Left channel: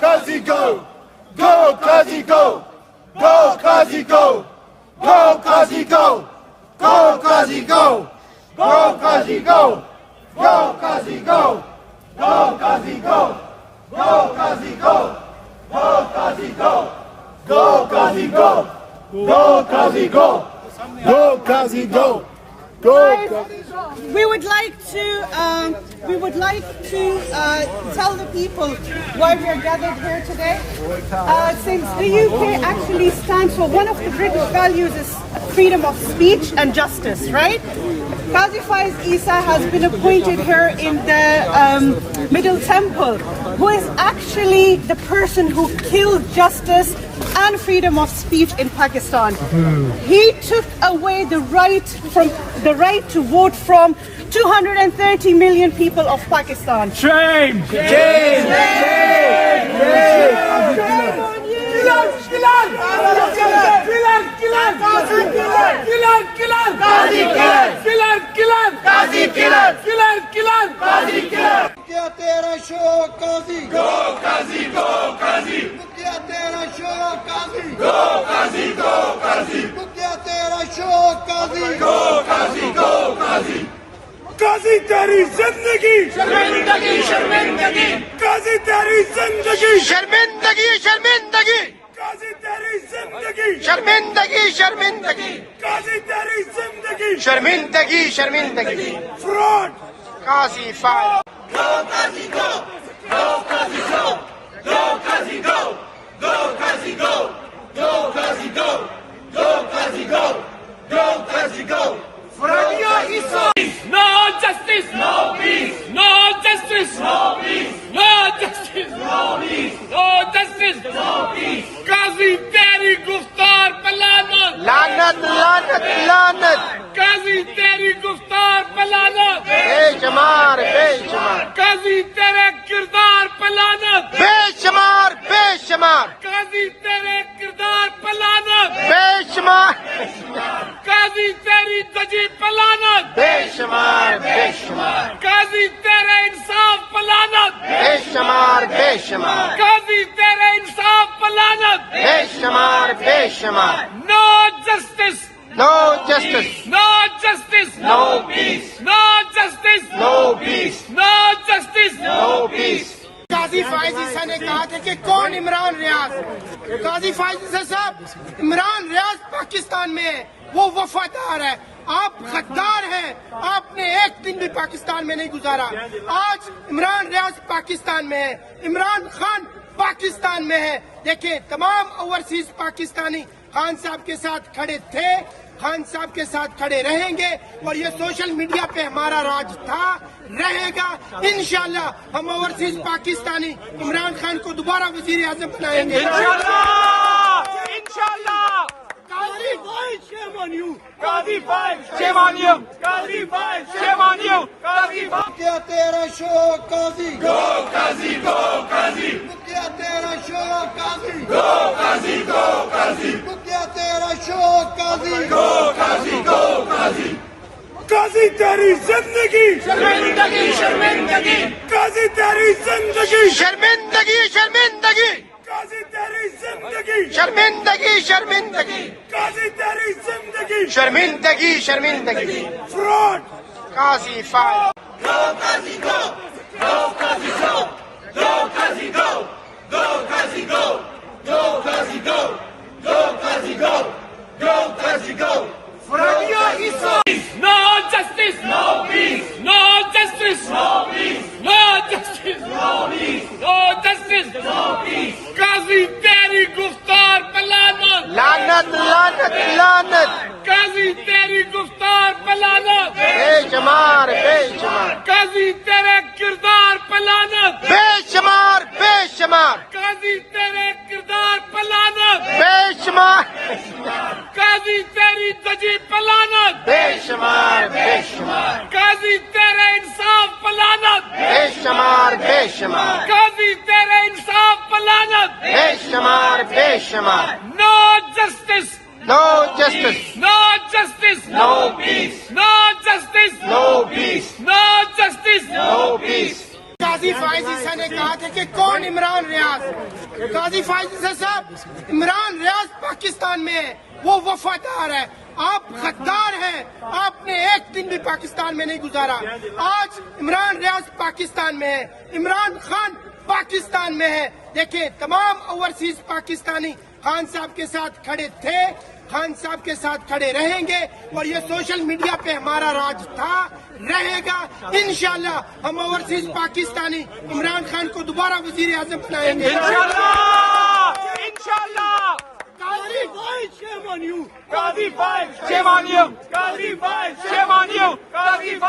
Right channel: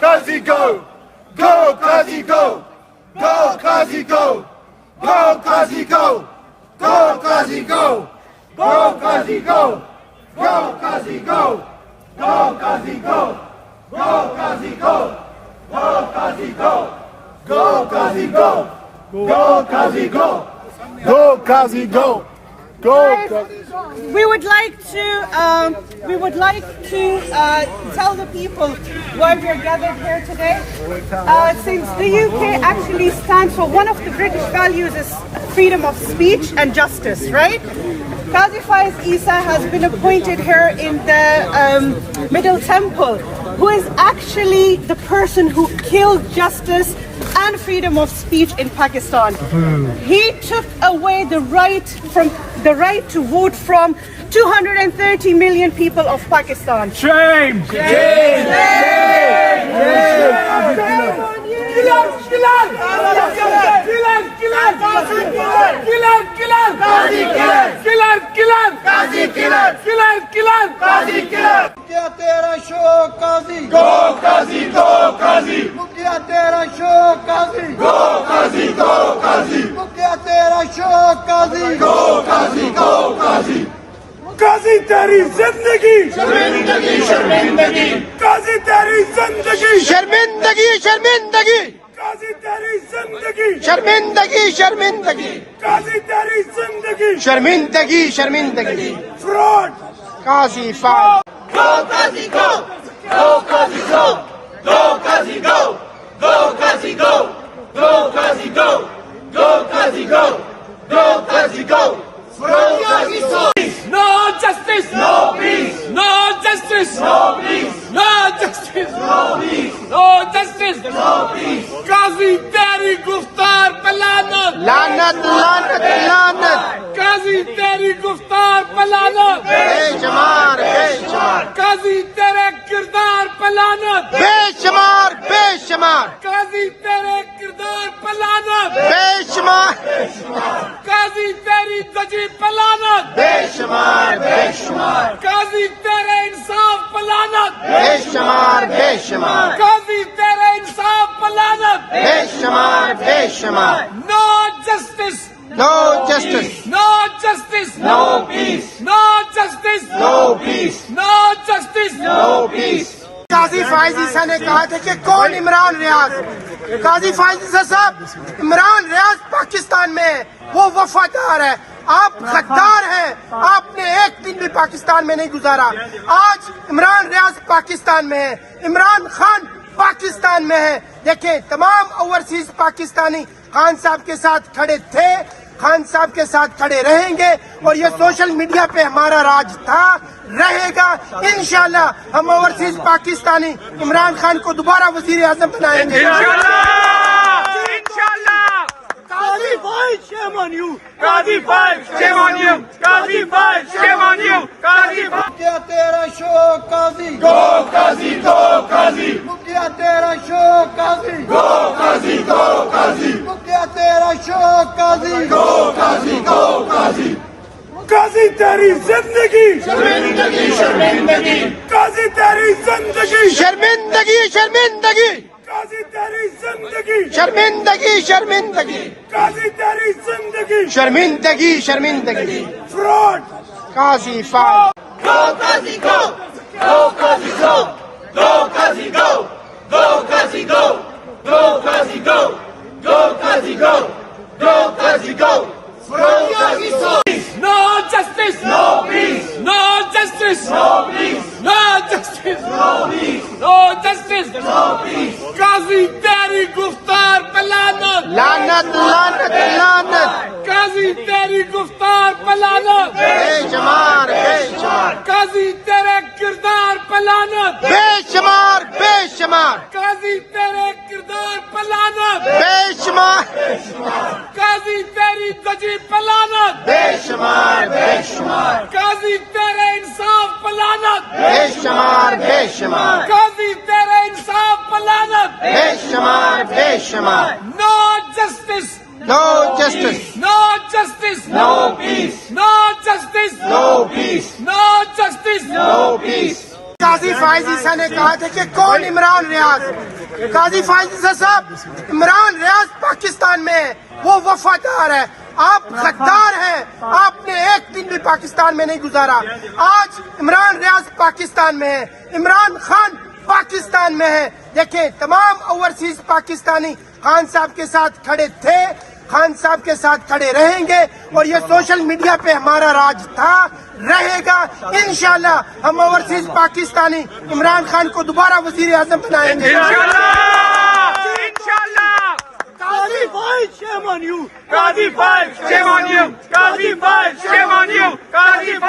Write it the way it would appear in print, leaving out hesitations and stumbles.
Kazi, go! Go, Kazi, go! Go, Kazi, go! Go, Kazi, go! Go, Kazi, go! Go, Kazi, go! Go, Kazi, go! Go, Kazi, go! Go, Kazi, go! Go, Kazi, go! Go, Kazi, go! Go, Kazi, go! Go, Kazi, go! Go. We would like to tell the people why we are gathered here today. Since the UK actually stands for one of the British values is freedom of speech and justice, right? Qazi Faiz Isa has been appointed here in the Middle Temple, who is actually the person who killed justice and freedom of speech in Pakistan. He took away the right to vote from 230 million people of Pakistan. Shame! Shame! Shame! Shame on you! क्या तेरा शौक काजी Go, Kazi, go, Kazi! क्या तेरा शौक काजी Go, Kazi, go, Kazi! क्या तेरा शौक काजी Go, Kazi, go, Kazi! Kazi तेरी जिंदगी शर्मिंदगी शर्मिंदगी Kazi तेरी जिंदगी शर्मिंदगी शर्मिंदगी Kazi तेरी जिंदगी शर्मिंदगी शर्मिंदगी Kazi तेरी जिंदगी शर्मिंदगी शर्मिंदगी fraud Qazi Faez Go, Kazi, go! Go, Kazi, go! Go, Kazi, go! Go, Kazi, go! Go, Kazi, go! Go, Kazi, go! Go, Kazi, go! From Kazi, no justice, no peace. No justice, no peace. No justice, no peace. No justice, no peace. Kazi तेरी गुफ्तार पे लानत. लानत लानत लानत Kazi तेरी गुफ्तार पे लानत. बेशुमार बेशुमार Kazi तेरे किरदार पे लानत. बेशुमार बेशुमार Kazi तेरे किरदार पे लानत. बेशुमार Kazi तेरी दजी पे लानत. बेशुमार बेशुमार Kazi तेरे इंसाफ पे लानत. बेशुमार बेशुमार Kazi तेरे इंसाफ पे लानत. बेशुमार बेशुमार No justice. No justice No justice. No peace. No justice. No peace No justice. No peace Qazi Faez Isa ने कहा था कि कौन इमरान रियाज काजी फाइज ईसा साहब इमरान रियाज पाकिस्तान में है वो वफादार है आप गद्दार हैं आपने एक दिन भी पाकिस्तान में नहीं गुजारा आज इमरान रियाज पाकिस्तान में है इमरान खान पाकिस्तान में है देखें तमाम ओवरसीज पाकिस्तानी खान साहब के साथ खड़े थे खान साहब के साथ खड़े रहेंगे और ये सोशल मीडिया पे हमारा राज था रहेगा इंशाल्लाह हम ओवरसीज पाकिस्तानी इमरान खान को दोबारा वजीर आजम बनाएंगे इंशाल्लाह इंशाल्लाह Kazi Faiz, shame on you. Kazi Faiz, Shame on you. Kazi Faiz, Shame on you. Kazi Faiz. क्या तेरा शौक काजी Go, Kazi, go, Kazi. क्या तेरा शौक काजी Go, Kazi, go, Kazi. क्या तेरा शौक काजी Go, Kazi, go, Kazi. Kazi तेरी जिंदगी शर्मिंदगी शर्मिंदगी Kazi तेरी जिंदगी शर्मिंदगी शर्मिंदगी Kazi तेरी जिंदगी शर्मिंदगी शर्मिंदगी Kazi तेरी जिंदगी शर्मिंदगी शर्मिंदगी fraud Qazi Faez Go, Kazi, go! Go, Kazi, go! Go, Kazi, go! Go, Kazi, go! Go, Kazi, go! Go, Kazi, go! Go, Kazi, go! From Kazi, no justice, no peace. No justice, no peace. No justice, no peace. No justice, no peace. Kazi तेरी गुफ्तार पे लानत. लानत लानत लानत Kazi तेरी गुफ्तार पे लानत. बेशुमार बेशुमार Kazi तेरे किरदार पे लानत. बेशुमार बेशुमार Kazi तेरे किरदार पे लानत. बेशुमार Kazi तेरी दजी पे लानत. बेशुमार बेशुमार Kazi तेरे इंसाफ पे लानत. बेशुमार बेशुमार Kazi तेरे इंसाफ पे लानत. बेशुमार बेशुमार No justice. No justice No justice. No peace No justice. No peace No justice. No peace Qazi Faez Isa ने कहा था कि कौन इमरान रियाज। काजी फायज ईसा साहब, इमरान रियाज पाकिस्तान में है, वो वफादार है, आप गद्दार हैं, आपने एक दिन भी पाकिस्तान में नहीं गुजारा। आज इमरान रियाज पाकिस्तान में है, इमरान खान पाकिस्तान में है। देखें, तमाम ओवरसीज पाकिस्तानी खान साहब के साथ खड़े थे, खान साहब के साथ खड़े रहेंगे और ये सोशल मीडिया पे हमारा राज था, रहेगा। इंशाल्लाह हम ओवरसीज पाकिस्तानी इमरान खान को दोबारा वजीर आजम बनाएंगे इंशाल्लाह। Qazi Faiz, shame on you. Shame on you. Qazi Faiz, Shame on you. Qazi